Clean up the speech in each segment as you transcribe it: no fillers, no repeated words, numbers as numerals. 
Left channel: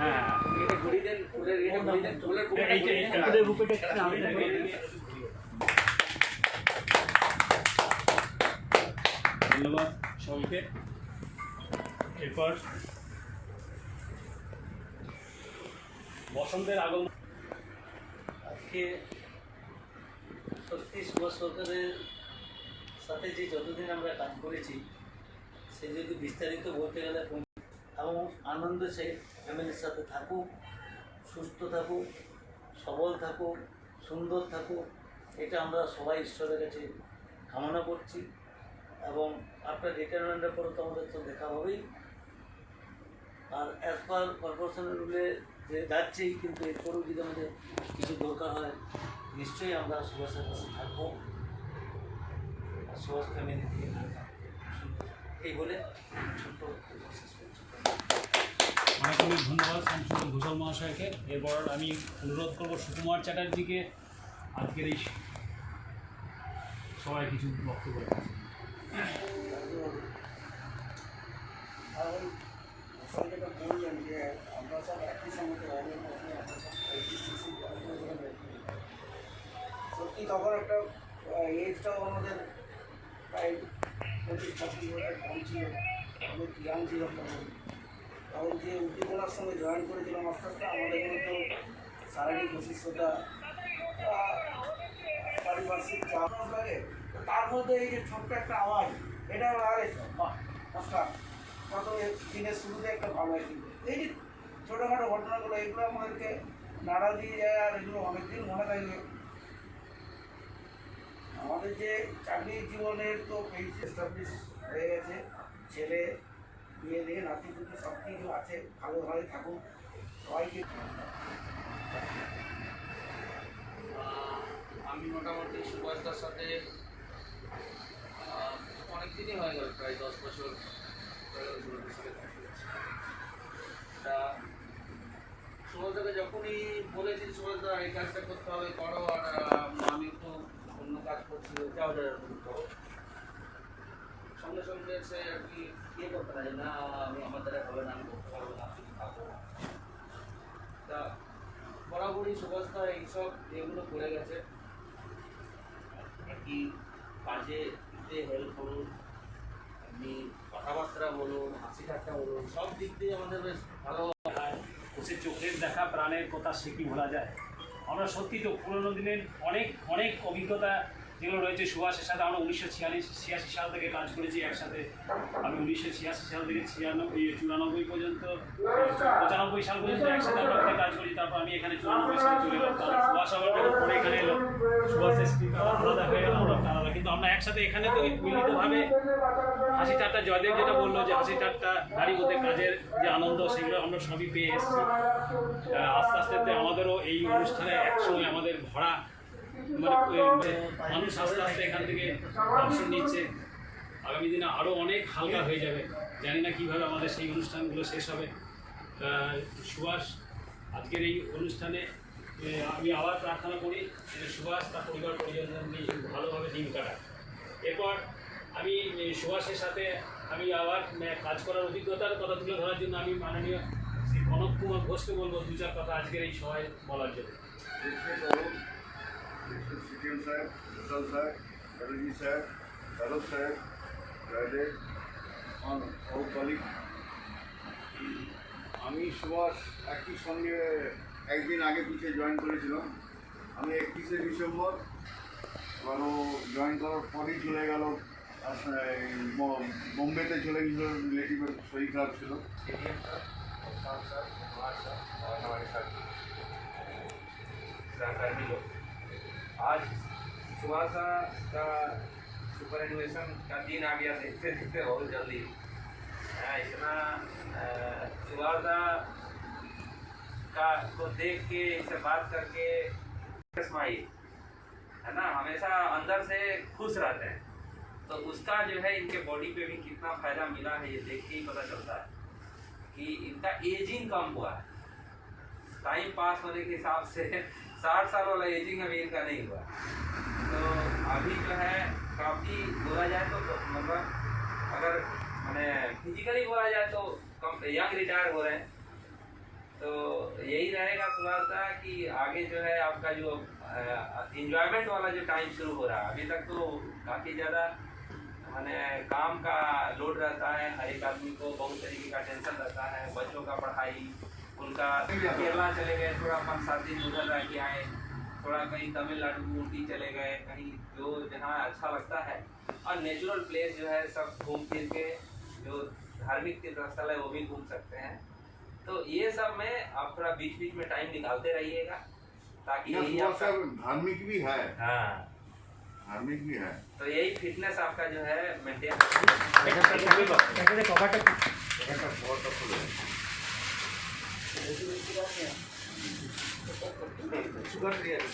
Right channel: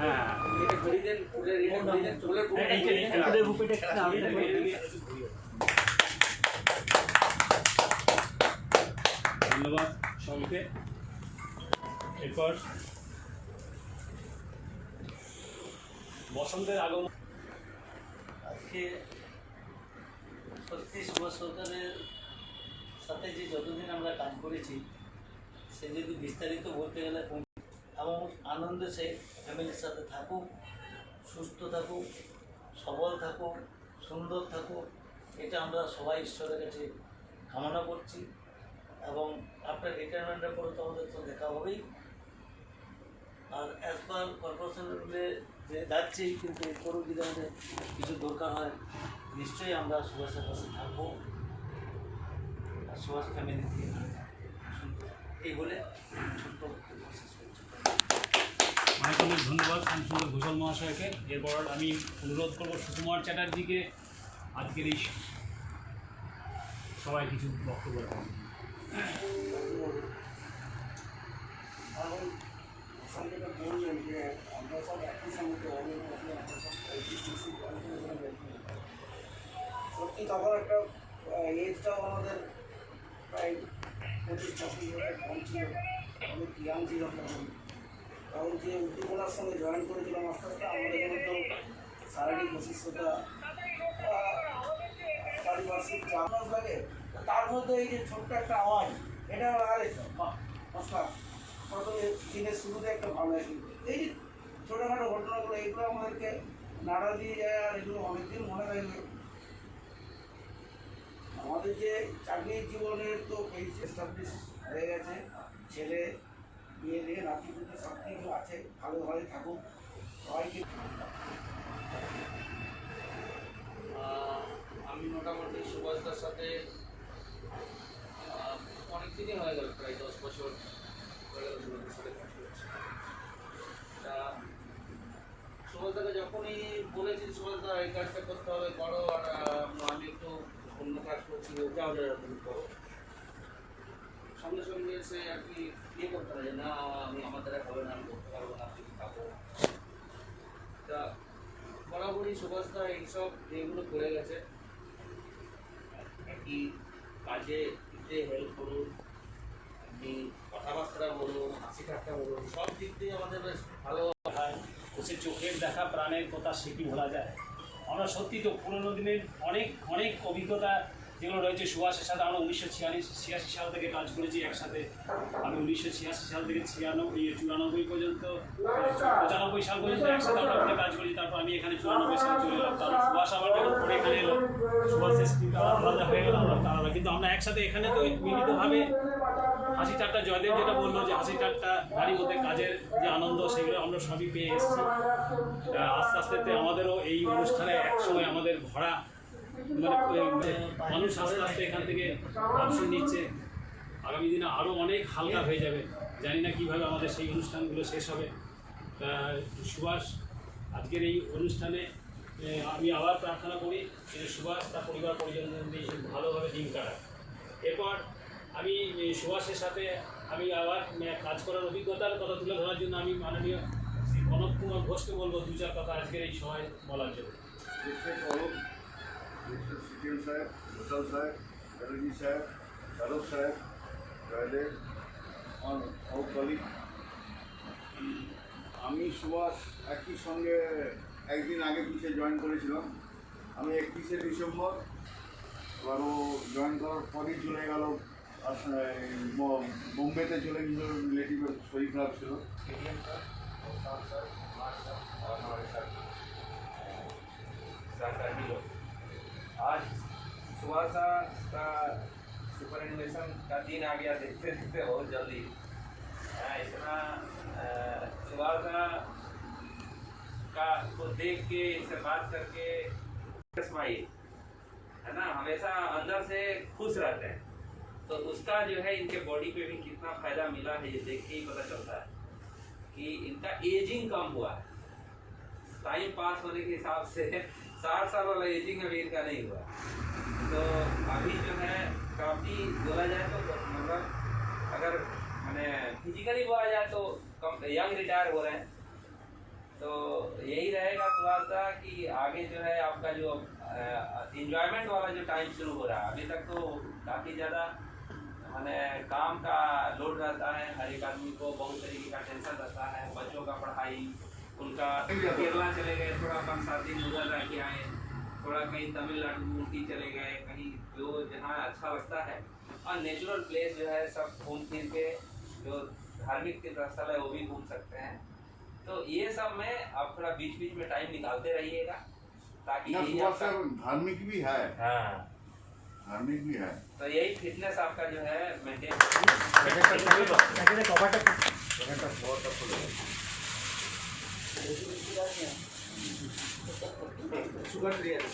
হ্যাঁ ধন্যবাদ সবাইকে। এরপর বসন্তের আগমন। আজকে সত্যি সুভাষ সরকারের সাথে যে যতদিন আমরা কাজ করেছি সে যদি বিস্তারিত বলতে গেলে এবং আনন্দ সে ফ্যামিলির সাথে থাকুক, সুস্থ থাকুক, সবল থাকুক, সুন্দর থাকুক, এটা আমরা সবাই ঈশ্বরের কাছে কামনা করছি। এবং আপনার রিটায়ারমেন্টের পরে তো আমাদের তো দেখা হবেই। আর অ্যাজ পার কর্পোরেশনের রুলে যে যাচ্ছেই, কিন্তু এরপরেও যদি আমাদের কিছু দরকার হয় নিশ্চয়ই আমরা সুভাষের কাছে থাকবো আর সুভাষ ফ্যামিলি থেকে এই বলে ছোট্ট অনেক অনেক ধন্যবাদ শামসুল ঘোষাল মহাশয়কে। এরপর আমি অনুরোধ করবো সুকুমার চ্যাটার্জিকে আজকের এই সবাই কিছু বক্তব্য রাখছেন। বললেন যে আমরা সব একই সঙ্গে সত্যি তখন একটা এজটাও আমাদের প্রায় 25-26 বছর কম ছিল, আমাদের ইয়াং ছিল তখন যে উদ্দীপনার সঙ্গে জয়েন করেছিলাম আস্তে আস্তে আমাদের মধ্যে শারীরিক অসুস্থতা, পারিপার্শ্বিক চাপ লাগে, তার মধ্যে এই যে ছোট্ট একটা আওয়াজ, এটা আমার আগে নমস্কার প্রথমে দিনের শুরুতে একটা ভালো লাগে। এই যে ছোটোখাটো ঘটনাগুলো এগুলো আমাদেরকে নাড়া দিয়ে যায় আর এগুলো অনেকদিন মনে থাকবে। আমাদের যে চাকরির জীবনের তো এই এস্টাবলিশ হয়ে গেছে, ছেলে বিয়ে দিয়ে নাতি পুতি সব কিছু আছে, ভালোভাবে থাকুক সবাইকে। আমি মোটামুটি সুভাষদার সাথে অনেক দিনই হয়ে গেল, প্রায় 10 বছর তা সুভাষদাকে যখনই বলেছি সুভাষদা এই কাজটা করতে হবে করো, আর আমি একটু অন্য কাজ করছি যাও করো, সঙ্গে সঙ্গে সে আর কি ইয়ে করতে পারে না, আমি আমার দ্বারা হবে না, আমি করতে পারবো না, আপনি থাকবো। তা বরাবরই সুভাষদা এইসব এগুলো করে গেছে, একই কাজে হেল্প করুন, আপনি কথাবার্তা বলুন, হাসি ঠাট্টা বলুন, সব দিক দিয়ে আমাদের বেশ ভালো। সে চোখের দেখা প্রাণের কথা সে কি ভোলা যায়। আমরা সত্যি তো পুরোনো দিনের অনেক অনেক অভিজ্ঞতা যেগুলো রয়েছে সুভাষের সাথে। আমরা 1986 সাল থেকে কাজ করেছি একসাথে। আমি 1986 সাল থেকে 94 পর্যন্ত 95 সাল পর্যন্ত একসাথে আমরা কাজ করি। তারপর আমি এখানে 94 সালে চলে গেলাম। তারপর সুভাষ আমার যখন এখানে এলো, সুভাষের স্পিক আলাদা হয়ে গেল, আমরা আলাদা, কিন্তু আমরা একসাথে এখানে তো মিলিতভাবে হাসি ঠাট্টা, জয়দেব যেটা বললো যে হাসি ঠাট্টা গাড়ি মধ্যে কাজের যে আনন্দ, সেগুলো আমরা সবই পেয়ে এসেছি। আস্তে আস্তে আমাদেরও এই অনুষ্ঠানে একসময় আমাদের ভরা মানে মানুষ আস্তে আস্তে এখান থেকে অংশ নিচ্ছে। আগামী দিনে আরও অনেক হালকা হয়ে যাবে, জানি না কীভাবে আমাদের সেই অনুষ্ঠানগুলো শেষ হবে। সুভাষ আজকের এই অনুষ্ঠানে আমি আবার প্রার্থনা করি যে সুভাষ তার পরিবার পরিজন নিয়ে ভালোভাবে দিন কাটায়। এরপর আমি সুভাষের সাথে আমি আবার কাজ করার অভিজ্ঞতার কথা তুলে ধরার জন্য আমি মাননীয় শ্রী কনক কুমার ঘোষকে বলবো 2-4 কথা আজকের এই সময় বলার জন্য। সিটিএম সাহেব, ঘোষাল সাহেব, চ্যাটার্জি সাহেব, যাদব সাহেব, জয়দেব ও কলিগ, আমি সুভাষ একই সঙ্গে একদিন আগে পিছিয়ে জয়েন করেছিলাম। আমি 31শে ডিসেম্বর, এবার ও জয়েন করার পরই চলে গেল, বোম্বেতে চলে গেছিল, রিলেটিভের শরীর খারাপ ছিল। आज सुभाष का सुपरएनुएशन का दिन आ गया, देखते देखते बहुत जल्दी। इतना सुभाष का को देख के, इनसे बात करके स्माइल है ना, हमेशा अंदर से खुश रहते हैं। तो उसका जो है इनके बॉडी पे भी कितना फायदा मिला है ये देख के ही पता चलता है कि इनका एजिंग कम हुआ है। टाइम पास होने के हिसाब से 60 साल वाला एजिंग अभी इनका नहीं हुआ। तो अभी जो है काफ़ी बोला जाए तो मतलब अगर मैंने फिजिकली बोला जाए तो कम यंग रिटायर हो रहे हैं, तो यही रहेगा सुभाष दा कि आगे जो है आपका जो इंजॉयमेंट वाला जो टाइम शुरू हो रहा है, अभी तक तो काफ़ी ज़्यादा माने काम का लोड रहता है, हर एक आदमी को बहुत तरीके का टेंशन रहता है, बच्चों का पढ़ाई, उनका केरला चले गए, थोड़ा 5-7 दिन उधर रह के आए, थोड़ा कहीं तमिलनाडु ऊटी चले गए, कहीं जो जहाँ अच्छा लगता है, और नेचुरल प्लेस जो है सब घूम फिर के जो धार्मिक तीर्थ स्थल है वो भी घूम सकते हैं। तो ये सब में आप थोड़ा बीच बीच में टाइम निकालते रहिएगा ताकि ना, यही सुबह आपका से धार्मिक भी है, हाँ, धार्मिक भी है। तो यही फिटनेस आपका जो है मेंटेन সুগার ফ্রি আছে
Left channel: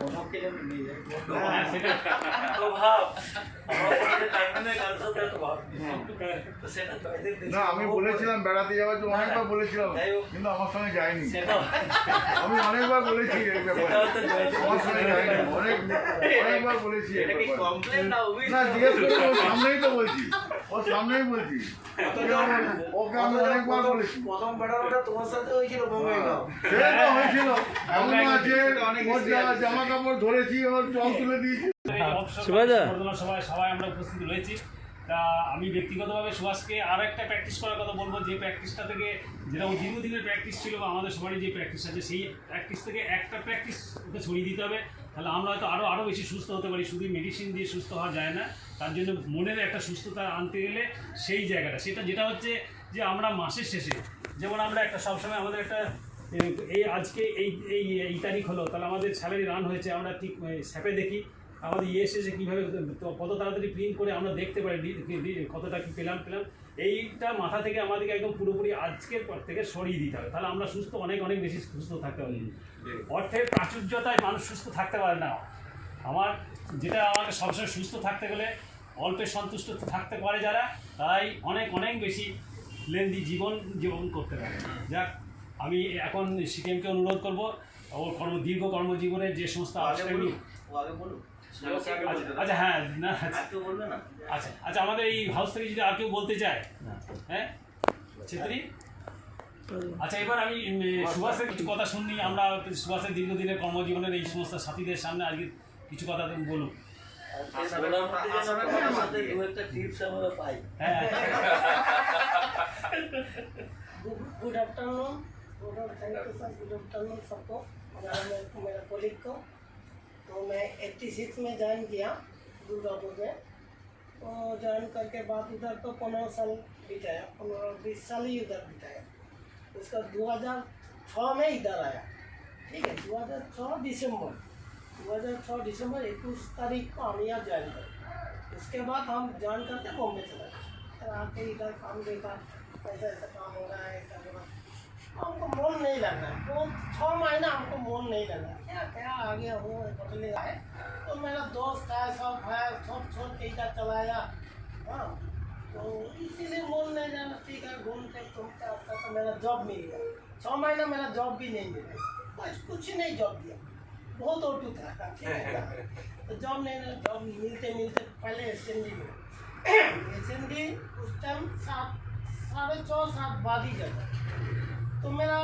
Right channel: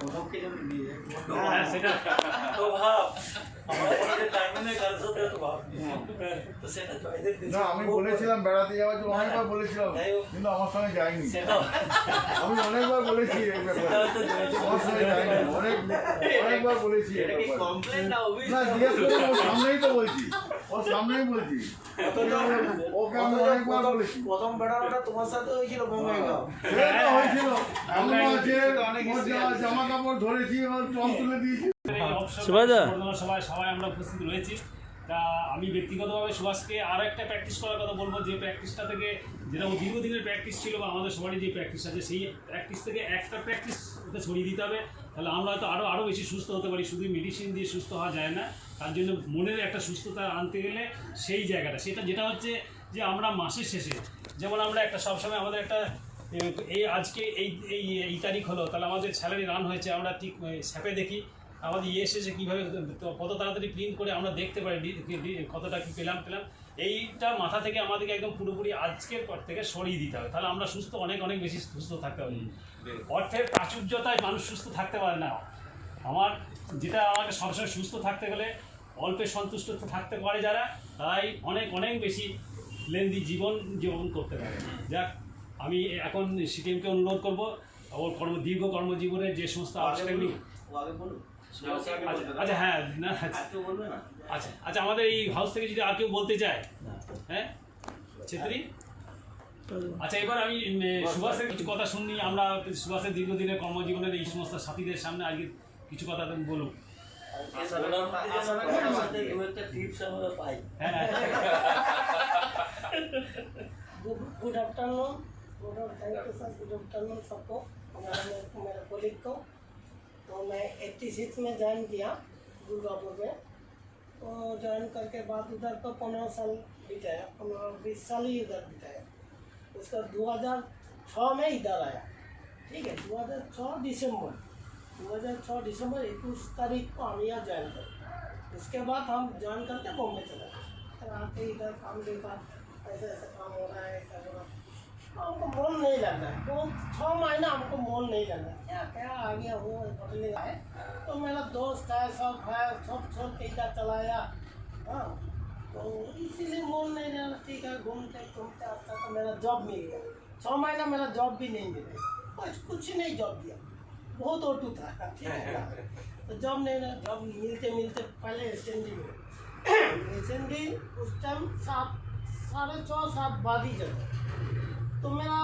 কোনো কিলোমিটার নিয়ে যায় হ্যাঁ সেটা তো ভাব আমার পরে টাইমে কালসো তো ভাব তো সেটা তো এদের না, আমি বলেছিলাম বেড়াতে যাওয়ার জন্য, অনেকবার বলেছিলাম, কিন্তু আমার সঙ্গে যায়নি। সেটা আমি অনেকবার বলেছি এই ব্যাপারে, আমার সঙ্গে যায়নি, অনেকবার বলেছি এই এটা কি ব্যাপারে। কমপ্লেন না অভিযোগ না, জিজ্ঞেস করে ওর সামনেই তো বলছি, ওর সামনেই বলছি, ওকে আমি অনেকবার বলেছি। প্রথম ব্যাটারটা তোমার সাথে হয়েছিল বঙ্গাইগাঁও সে তো হয়েছিল, এমন আছে ওর জামা কাপড় ধরেছি, ওর জল তুলে দিয়েছি। সবাই আমরা উপস্থিত রয়েছি। তা আমি ব্যক্তিগতভাবে সুভাষকে আরও একটা প্র্যাকটিস করার কথা বলবো, যে প্র্যাকটিসটা থেকে যেটা ও দীর্ঘদিনের প্র্যাকটিস ছিল বা আমাদের সবারই যে প্র্যাকটিস আছে, সেই প্র্যাকটিস থেকে একটা প্র্যাকটিস ওকে ছড়িয়ে দিতে হবে, তাহলে আমরা হয়তো আরও বেশি সুস্থ হতে পারি। শুধু মেডিসিন দিয়ে সুস্থ হওয়া যায় না, তার জন্য মনের একটা সুস্থতা আনতে গেলে সেই জায়গাটা যেটা হচ্ছে যে আমরা মাসের শেষে যেমন আমরা একটা সবসময় আমাদের একটা এই আজকে এই তারিখ হলো, তাহলে আমাদের স্যালারি রান হয়েছে, আমরা ঠিক স্যাপে দেখি আমাদের এসেছে কীভাবে কত তাড়াতাড়ি প্রিন্ট করে আমরা দেখতে পারি কতটা কী পেলাম। এইটা মাথা থেকে আমাদেরকে একদম পুরোপুরি আজকের পর থেকে সরিয়ে দিতে হবে, তাহলে আমরা সুস্থ অনেক বেশি সুস্থ থাকতে পারি। অর্থের প্রাচুর্যতায় মানুষ সুস্থ থাকতে পারে না। যেটা আমাকে সবসময় সুস্থ থাকতে গেলে অল্পে সন্তুষ্ট থাকতে পারে যারা, তারাই অনেক বেশি লেন্দি জীবন করতে পারে। যাক, আমি এখন সিকিমকে অনুরোধ করবো ওর দীর্ঘ কর্মজীবনের যে সমস্ত আগে বলুন আচ্ছা হ্যাঁ না একটু বলবে না আচ্ছা আমাদের এই হাউস থেকে যদি আর কেউ বলতে চায়, হ্যাঁ ছেত্রী, আচ্ছা এবার আমি সুভাষের কিছু কথা শুনি। আমরা সুভাষের দীর্ঘদিনের কর্মজীবনের এই সমস্ত সাথীদের সামনে আজকে কিছু কথা বলুন। দু একটা টিপস আমরা পাই। Good afternoon thank you sir, good afternoon सबको, मेरे कोलिग को। तो मैं 86 में ज्वाइन किया दुर्गापुर में, तो ज्वाइन करके बाद उधर तो 15 साल बिताया, 15-20 साल ही उधर बिताया। उसका 2006 में इधर आया, ठीक है, 2006 दिसंबर 21 तारीख को हम यहाँ ज्वाइन कर। उसके बाद हम ज्वाइन करके बॉम्बे चला गए, आके इधर काम देखा, ऐसा काम हो रहा है, ऐसा हो रहा है, हमको मन नहीं लग रहा है। तो 6 महीना हमको मन नहीं लगा, क्या आ गया वो बदले आए। तो मेरा दोस्त है, सब है, सब छोड़ के इधर चलाया। हाँ, तो इसीलिए मन नहीं लगा, ठीक है, घूमते घूमते आता तो मेरा जॉब मिल गया। 6 महीना मेरा जॉब भी नहीं मिला, कुछ नहीं जॉब दिया, बहुत ओटू था, ठीक है। तो जॉब नहीं मिला, जॉब मिलते पहले एसएनडी में एसएनडी उस टाइम 6:30-7 बाद ही जाता। तो मेरा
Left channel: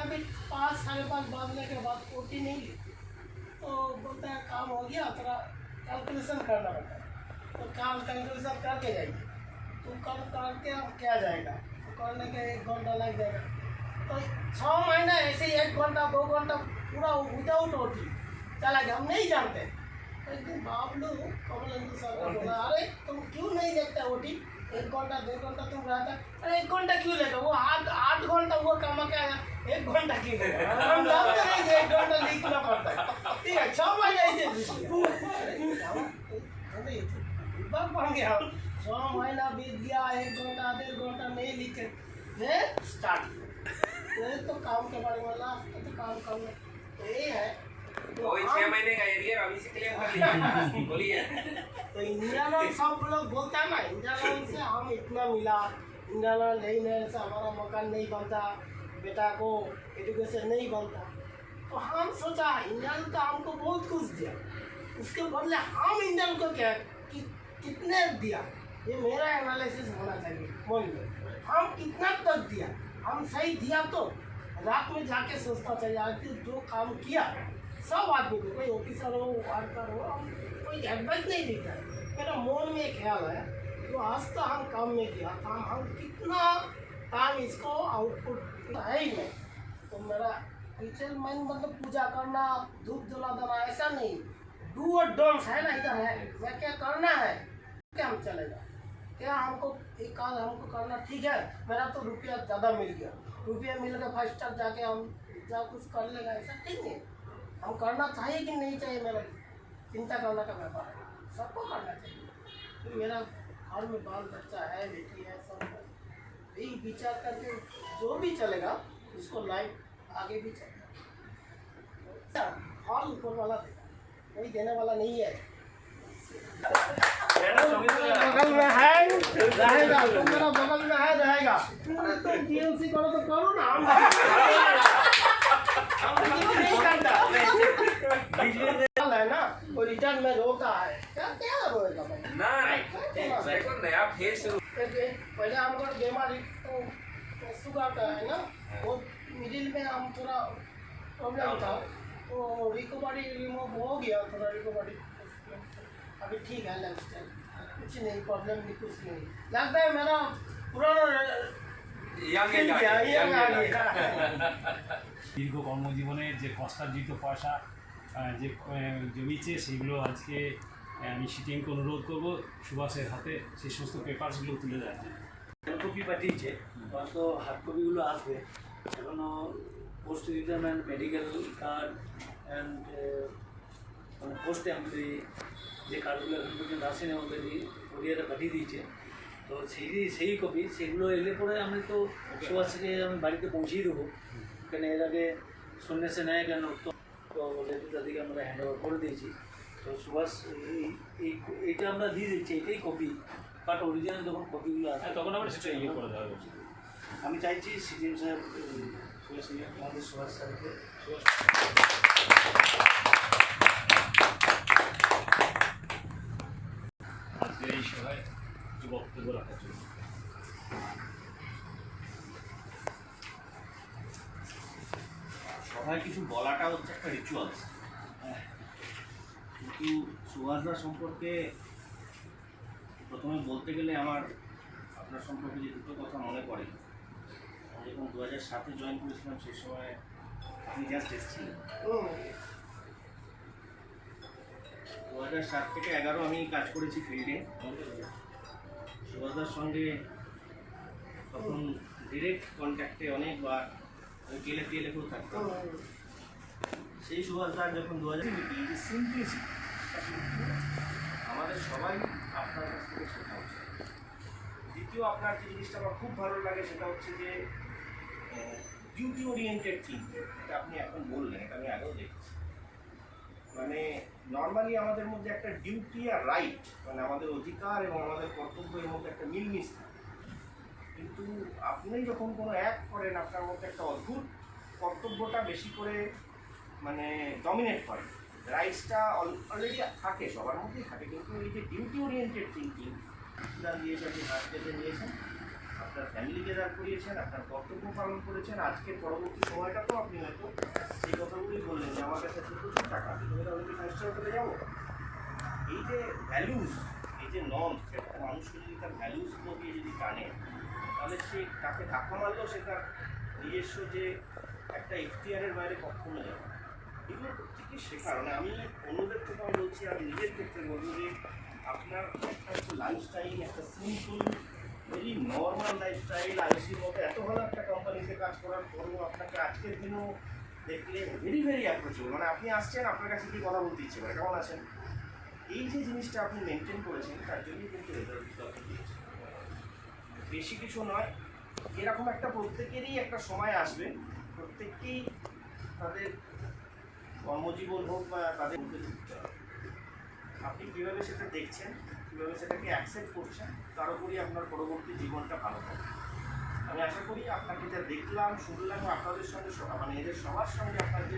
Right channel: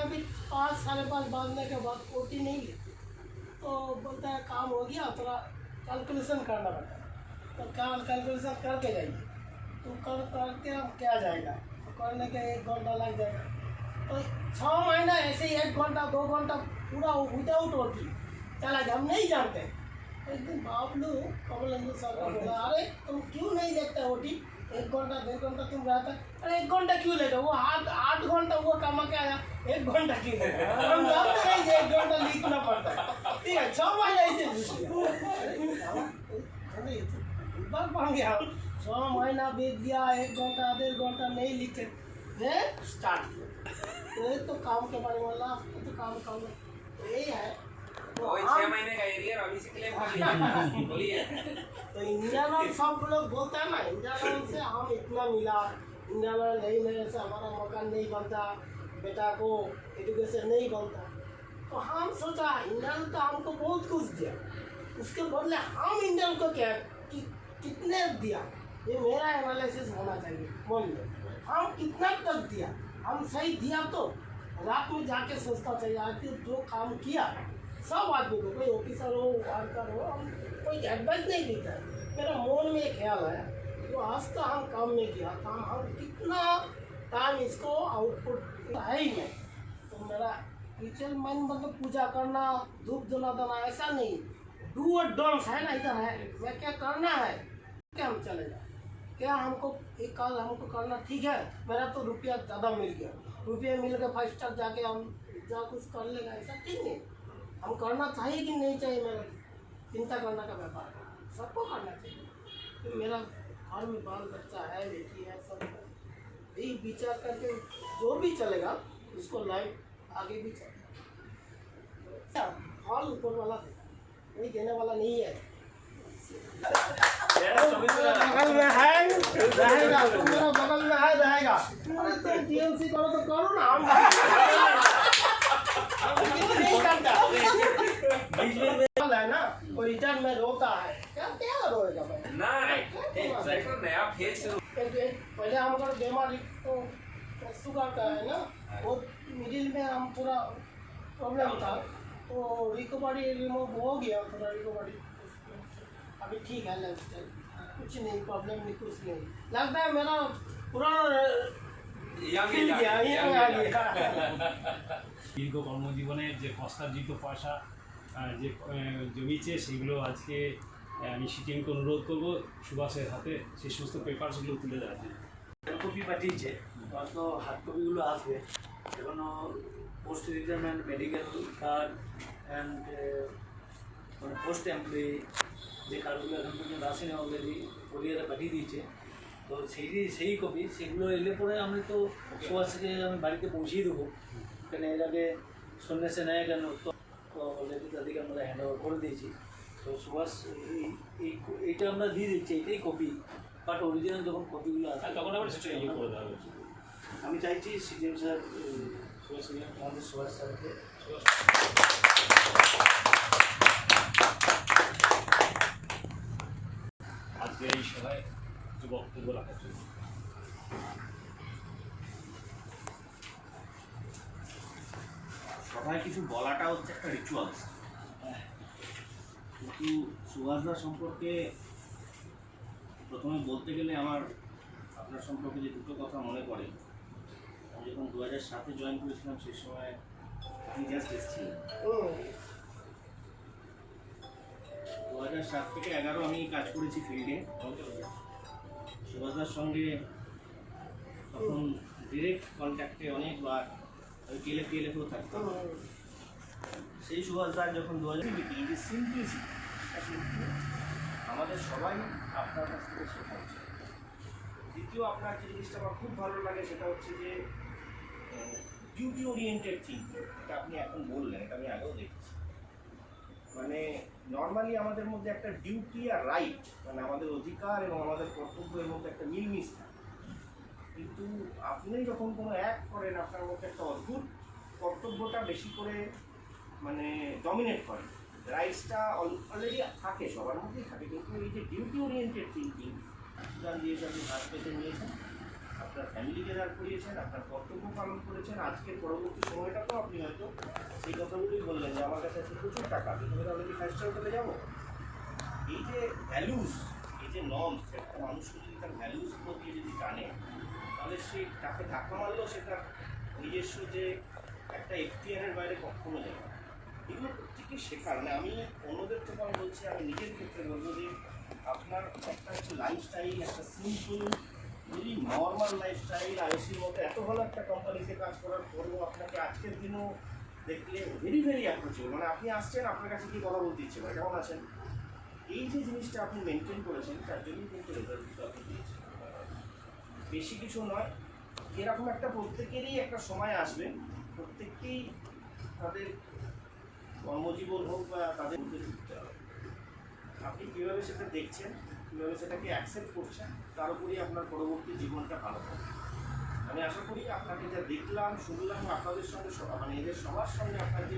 अभी 5-5:30 बांधने के बाद ओटी नहीं ली, तो बोलता है काम हो गया, थोड़ा कैलकुलेशन करना पड़ता है। तो क्या कैलकुलेशन करके जाइए, तो करके अब क्या जाएगा, तो करने के 1 घंटा लग जाएगा। तो 6 महीना ऐसे ही 1 घंटा 2 घंटा पूरा विदाउट ओटी चला गया, हम नहीं जानते। तो एक दिन बाबलू कमलेंद्र सर का बोला, अरे तुम क्यों नहीं देखते ओटी, 1 घंटा 2 घंटा तुम रहता, अरे 1 घंटा क्यों लेगा, वो 8 घंटा वो कमा के आया, 1 घंटा क्यों लेगा, हम जानते नहीं कि 1 घंटा लिखना पड़ता है, ठीक है। 6 महीने ऐसे बन गया, 6 महीना बीत गया, 1 घंटा 1.5 घंटा नहीं लिखे, मैं स्टार्ट किया। तो काम के बारे में बोला, तो काम करना यही है। तो 6 महीने का एरिया अभी से क्लेम कर लिया, बोलिए। तो इंडिया में सब लोग बोलता है ना, इंडिया लोन से हम इतना मिला, इंडिया लोन नहीं मिलने से हमारा मकान नहीं बनता, बेटा को एजुकेशन नहीं बनता। तो हम सोचा इंडिया ने तो हमको बहुत कुछ दिया, उसके बदले हम इंडियन को क्या कितने दिया, ये मेरा एनालिसिस होना चाहिए। बोल लो हम कितना तक दिया, हम सही दिया तो रात में जाके सोचना चाहिए आखिर जो काम किया सब आदमी को, कोई ऑफिसर हो वर्कर हो, हम कोई एडवाइस नहीं देता है। मेरा मन में ख्याल है तो आज तो हम काम में किया काम, हम कितना काम इसको आउटपुट है ही नहीं। तो मेरा टीचर मैन मतलब पूजा करना, धूप जलाना ऐसा नहीं, डू और डोंट्स है ना, इधर है मैं क्या करना है क्या हम चलेगा, क्या हमको एक काम हमको करना ठीक है, मेरा तो रुपया ज़्यादा मिल गया, रुपया मिल गया 5 स्टार जाके हम जा कुछ कर लेगा, ऐसा ठीक है। हम करना चाहिए कि नहीं चाहिए, मेरा चिंता करने का व्यापार है, सबको करना चाहिए। तो मेरा घर में बाल बच्चा है, बेटी है, सब यही विचार करके जो भी चलेगा उसको लाइफ आगे भी चलेगा। फल ऊपर वाला देगा, कोई देने वाला नहीं है। बगल में है रहेगा, तुम मेरा बगल में है रहेगा। तो टीएमसी करो तो करो ना, हम नहीं करता है ना, वो रिटर्न में रोता है, क्या क्या रोएगा भाई ना देखो नया फेज शुरू। पहले हम अगर बीमारी तो शुगर का है ना, वो मिडिल में हम पूरा प्रॉब्लम था, तो रिकवरी रिमूव हो गया, थोड़ा रिकवरी अभी ठीक है, लाइफ स्टाइल कुछ नहीं, प्रॉब्लम भी कुछ नहीं लगता है। मेरा पुराना দীর্ঘ কর্মজীবনের যে কষ্টার্জিত পয়সা যে জমিছে সেগুলো আজকে আমি সিটিএমকে অনুরোধ করবো সুভাষের হাতে সেই সমস্ত পেপারসগুলো তুলে দেওয়ার জন্য। হ্যান্ড কপি পাঠিয়েছে, হয়তো হার্ড কপিগুলো আসবে এখনও। Post retirement, medical card and মানে পোস্ট এমপ্লয়ি যে কার্ডগুলো এখন পর্যন্ত আসেনি, অলরেডি কোরিয়ারে পাঠিয়ে দিয়েছে। তো সেই কপি সেগুলো এলে পরে আমি তো সুভাষকে আমি বাড়িতে পৌঁছিয়ে দেবো, কেন এর আগে সন্ন্যাসে নেয় কেন, তো অলরেডি তাদেরকে আমরা হ্যান্ড ওভার করে দিয়েছি। তো সুভাষ এইটা আমরা দিয়ে দিচ্ছি, এটাই কপি, বাট অরিজিনাল যখন কপিগুলো আসে তখন আবার সেটা ইয়ে করে দেওয়া উচিত। আমি চাইছি সিজিএম স্যার আমাদের সুভাষ স্যারকে আজকে এই সভায় কিছু বক্তব্য রাখার জন্য। সবাই কিছু বলাটা হচ্ছে একটা রিচুয়ালস, কিন্তু সুভাষদা সম্পর্কে প্রথমে বলতে গেলে আমার আপনার সম্পর্কে যে দুটো কথা মনে পড়ে। আমি যখন 2007-এ জয়েন করেছিলাম সেই সময় আপনি জাস্ট এসেছিলেন। 2007 থেকে 2011 আমি কাজ করেছি ফিল্ডে। সুভাষদার সঙ্গে তখন ডিরেক্ট কন্ট্যাক্টে অনেকবার আমি টেলেতেও থাকতাম। সেই সুভাষদা যখন 2000 সিম্পলিসিটি আমাদের সবাই আপনার কাছ থেকে শেখা উচিত। দ্বিতীয় আপনার যে জিনিসটা আমার খুব ভালো লাগে সেটা হচ্ছে যে ডিউটি ওরিয়েন্টেড থিঙ্কিং। এটা আপনি এখন বললেন, এটা আমি আগেও দেখেছি। মানে নর্মালি আমাদের মধ্যে একটা ডিউটি আর রাইট, মানে আমাদের অধিকার এবং আমাদের কর্তব্যের মধ্যে একটা মিলমিশ থাকে, কিন্তু আপনি যখন কোনো অ্যাক্ট করেন আপনার মধ্যে একটা অদ্ভুত কর্তব্যটা বেশি করে মানে ডমিনেট করে, রাইটসটা অলরেডি থাকে, সবার মধ্যেই থাকে, কিন্তু এই যে ডিউটি ওরিয়েন্টেড থিঙ্কিং দিয়েছে, আপনি হাত পেতে নিয়েছেন, আপনার ফ্যামিলিকে দাঁড় করিয়েছেন, আপনার কর্তব্য পালন করেছেন। আজকের পরবর্তী সময়টাতেও আপনি হয়তো সেই কথাগুলোই বললেন যে আমার কাছে প্রচুর টাকা, তুমি তাদেরকে ফার্স্ট করে যাবো। এই যে ভ্যালুস, এই যে নর্মস, একটা মানুষকে যদি তার ভ্যালুসগুলো দিয়ে যদি টানে, তাহলে সে তাকে ধাক্কা মারলেও সে তার নিজস্ব যে একটা এখতিয়ারের বাইরে কখনো যাবে না। এগুলো প্রত্যেকেই শেখার, মানে আমি অন্যদের থেকে আমি বলছি, আমি নিজের ক্ষেত্রে বলবো যে আপনার একটা হচ্ছে লাইফস্টাইল, একটা সিম্পল ভেরি নর্মাল লাইফস্টাইল, আইওসির মতো এত ভালো একটা কোম্পানিতে কাজ করার পরেও আপনাকে আজকের দিনও দেখলে ভেরি ভেরি অ্যাপ্রোচেবল, মানে আপনি আসছেন, আপনার কাছে কি কথা বলতে ইচ্ছে করে, কেমন আছেন, এই যে জিনিসটা আপনি মেনটেন করেছেন তার জন্যই কিন্তু রেজাল্ট আপনি দিয়েছেন। বেশি কিছু নয়, এরকম একটা প্রত্যেকেরই একটা সময় আসবে, প্রত্যেককেই তাদের কর্মজীবন হোক বা তাদের মধ্যে যুক্ত হবে। আপনি কীভাবে সেটা দেখছেন, কীভাবে সেটাকে অ্যাকসেপ্ট করছেন, তার উপরই আপনার পরবর্তী জীবনটা ভালো হবে। আমি আশা করি আপনাকে যা দেখলাম, শুনলাম, আপনাদের সঙ্গে মানে এদের সবার সঙ্গে আপনার যে